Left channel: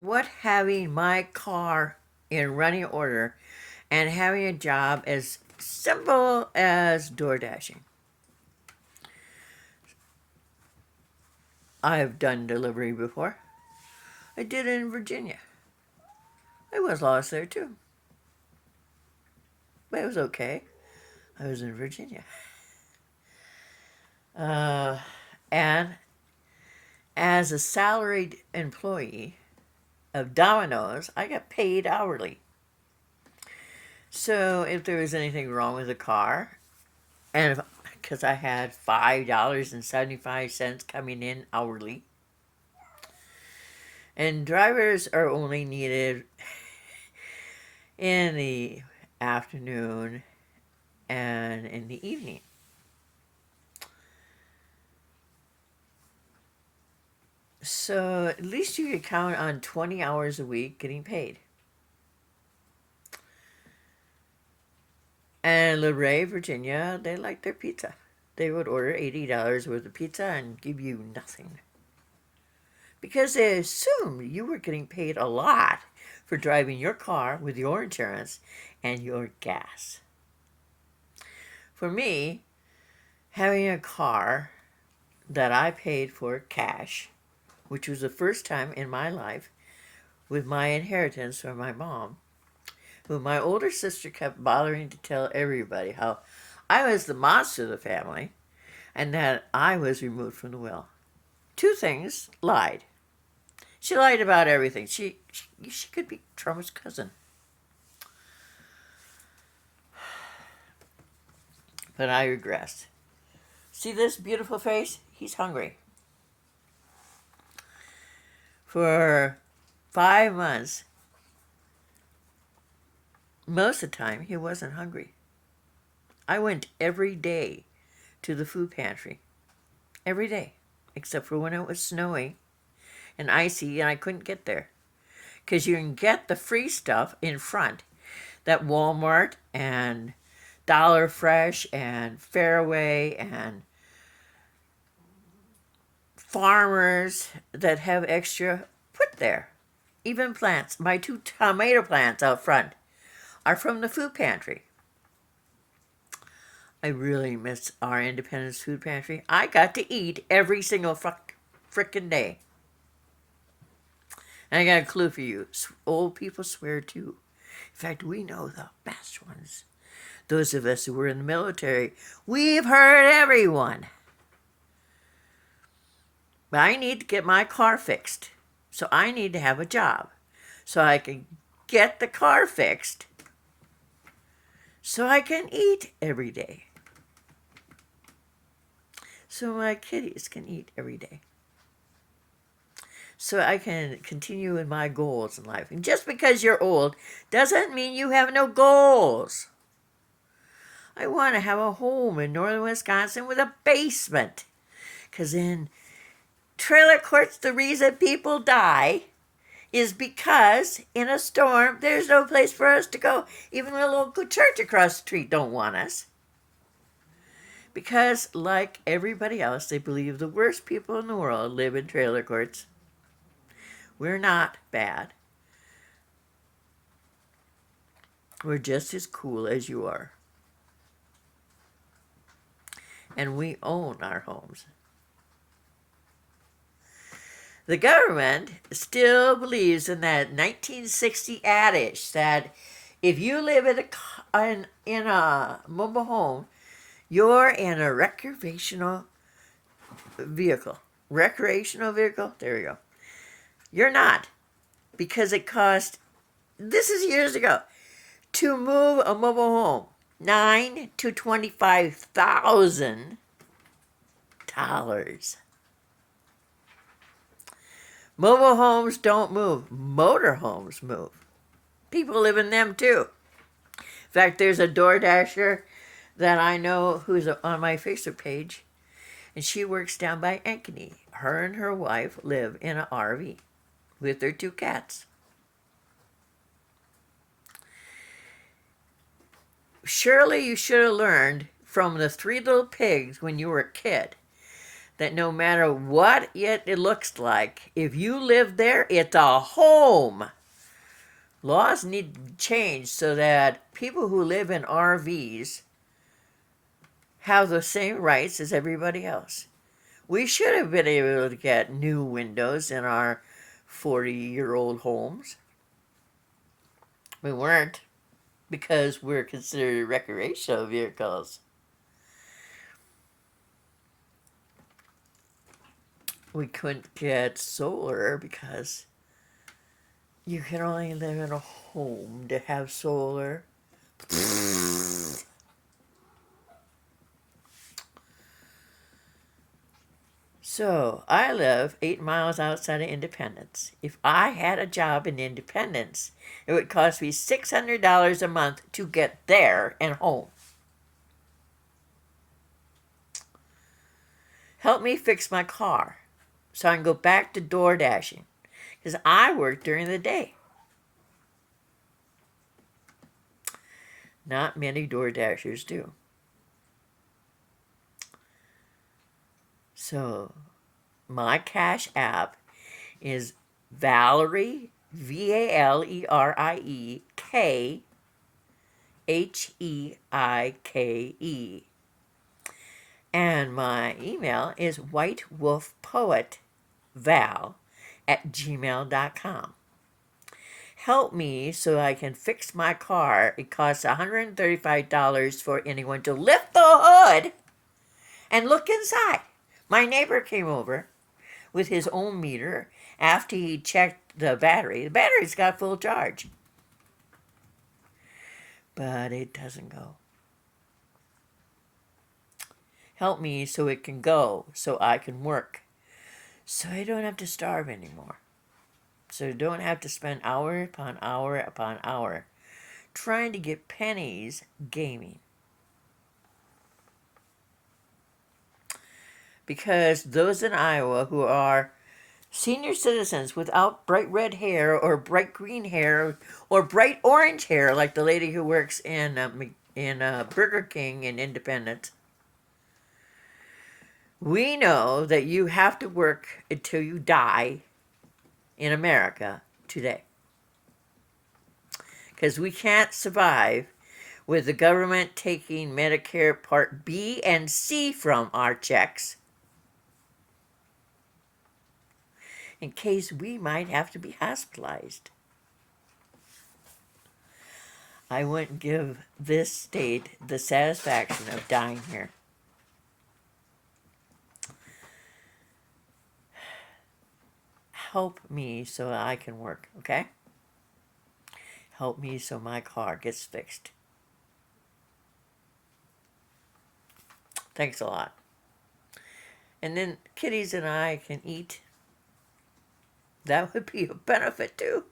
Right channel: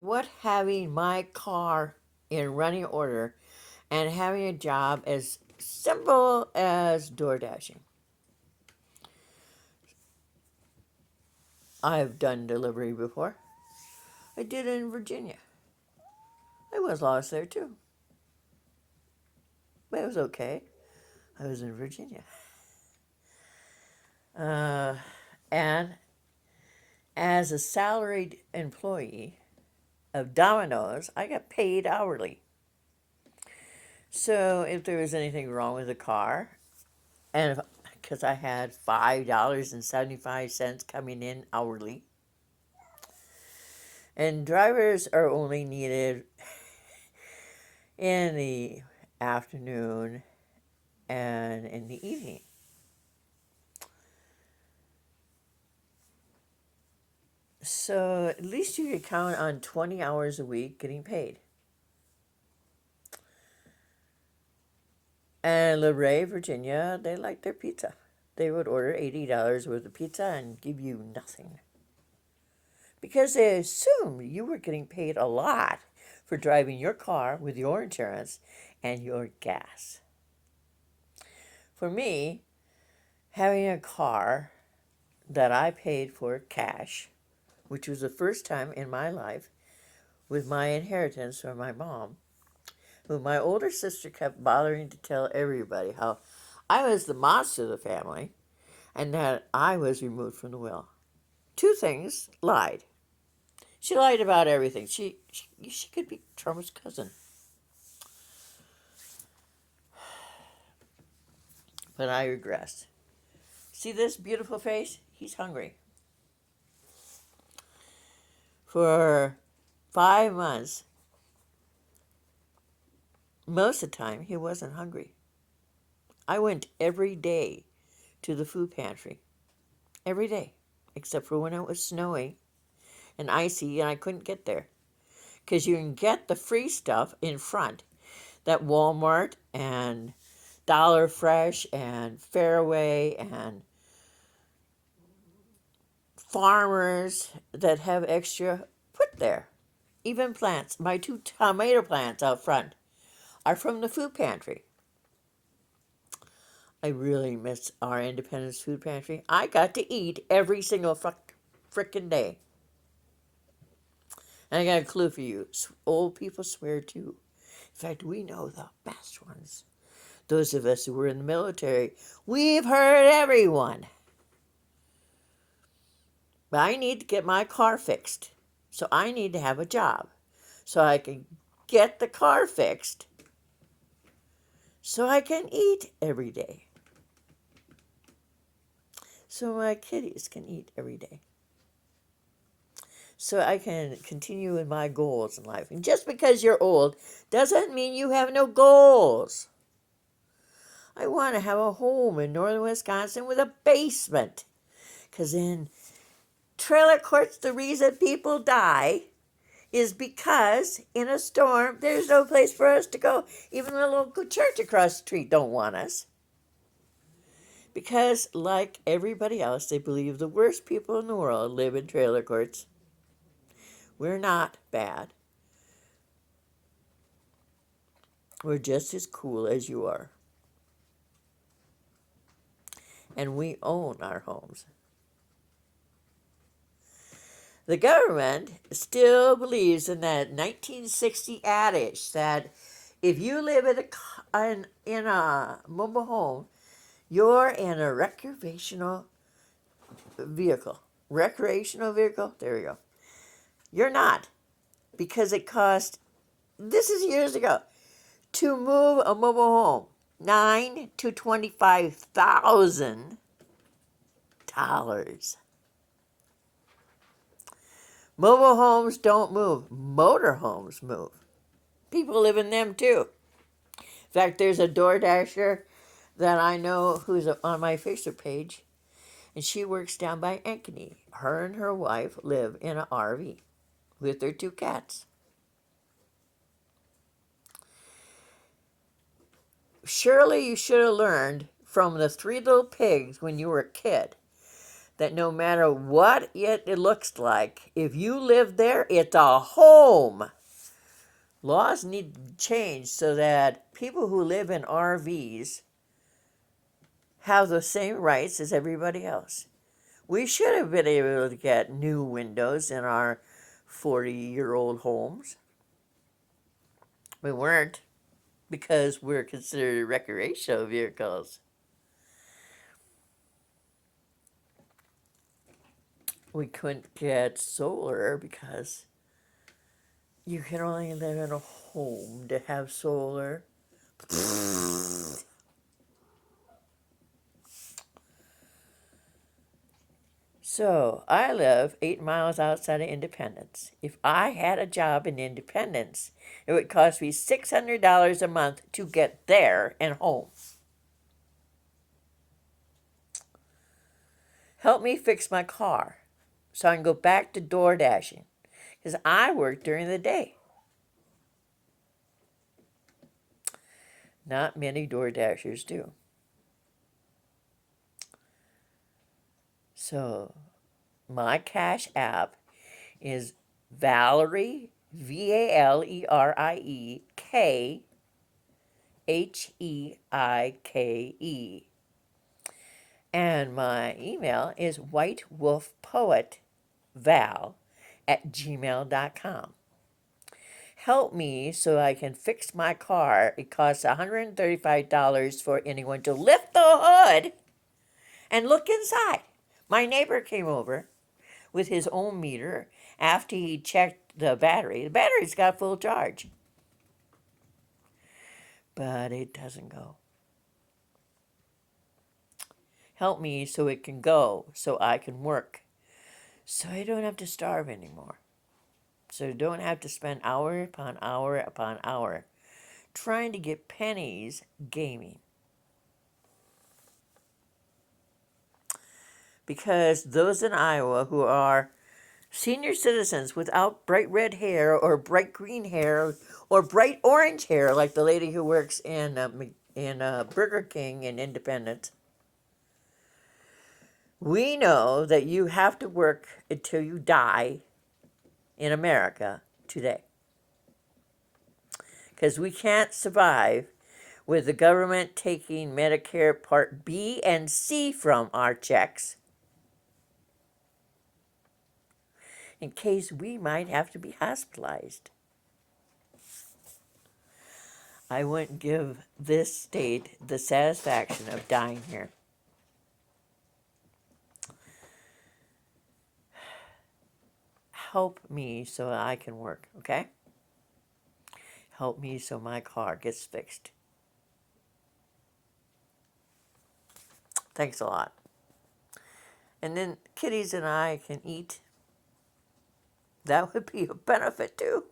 What having my car in running order and having a job as simple as door dashing. I have done delivery before. I did it in Virginia. I was lost there too, but it was okay. I was in Virginia. Uh, and as a salaried employee of Domino's, I got paid hourly. So if there was anything wrong with the car, and because I had $5.75 coming in hourly, and drivers are only needed in the afternoon and in the evening. So at least you could count on 20 hours a week getting paid. And LaRae, Virginia, they like their pizza. They would order $80 worth of pizza and give you nothing. Because they assumed you were getting paid a lot for driving your car with your insurance and your gas. For me, having a car that I paid for cash, which was the first time in my life with my inheritance from my mom, who my older sister kept bothering to tell everybody how I was the monster of the family and that I was removed from the will. Two things lied. She lied about everything. She could be Trump's cousin. But I regressed. See this beautiful face? He's hungry. For 5 months, most of the time, he wasn't hungry. I went every day to the food pantry. Every day. Except for when it was snowing and icy and I couldn't get there. Because you can get the free stuff in front that Walmart and Dollar Fresh and Fairway and farmers that have extra put there. Even plants. My 2 tomato plants out front are from the food pantry. I really miss our Independence food pantry. I got to eat every single frickin' day. And I got a clue for you. Old people swear too. In fact, we know the best ones. Those of us who were in the military, we've heard everyone. But I need to get my car fixed. So I need to have a job. So I can get the car fixed. So I can eat every day. So my kitties can eat every day. So I can continue with my goals in life. And just because you're old doesn't mean you have no goals. I want to have a home in northern Wisconsin with a basement. Because in trailer courts, the reason people die is because in a storm, there's no place for us to go. Even the local church across the street don't want us. Because, like everybody else, they believe the worst people in the world live in trailer courts. We're not bad. We're just as cool as you are. And we own our homes. The government still believes in that 1960 adage that if you live in a mobile home, you're in a recreational vehicle. Recreational vehicle? There you go. You're not. Because it cost, this is years ago, to move a mobile home, $9,000 to $25,000. Mobile homes don't move. Motor homes move. People live in them too. In fact, there's a Door Dasher that I know who's on my Facebook page, and she works down by Ankeny. Her and her wife live in an RV with their 2 cats. Surely you should have learned from the 3 little pigs when you were a kid that no matter what it looks like, if you live there, it's a home. Laws need to change so that people who live in RVs have the same rights as everybody else. We should have been able to get new windows in our 40-year-old homes. We weren't because we're considered recreational vehicles. We couldn't get solar because you can only live in a home to have solar. So, I live 8 miles outside of Independence. If I had a job in Independence, it would cost me $600 a month to get there and home. Help me fix my car so I can go back to door dashing because I work during the day. Not many door dashers do. So, my Cash App is Valerie, Valerie, Heike. And my email is whitewolfpoetval@gmail.com. Help me so I can fix my car. It costs $135 for anyone to lift the hood and look inside. My neighbor came over with his own meter after he checked the battery. The battery's got full charge, but it doesn't go. Help me so it can go, so I can work, so I don't have to starve anymore, so I don't have to spend hour upon hour upon hour trying to get pennies gaming. Because those in Iowa who are senior citizens without bright red hair or bright green hair or bright orange hair, like the lady who works in Burger King in Independence, we know that you have to work until you die in America today. Because we can't survive with the government taking Medicare Part B and C from our checks in case we might have to be hospitalized. I wouldn't give this state the satisfaction of dying here. Help me so I can work, okay? Help me so my car gets fixed. Thanks a lot. And then kitties and I can eat. That would be a benefit too.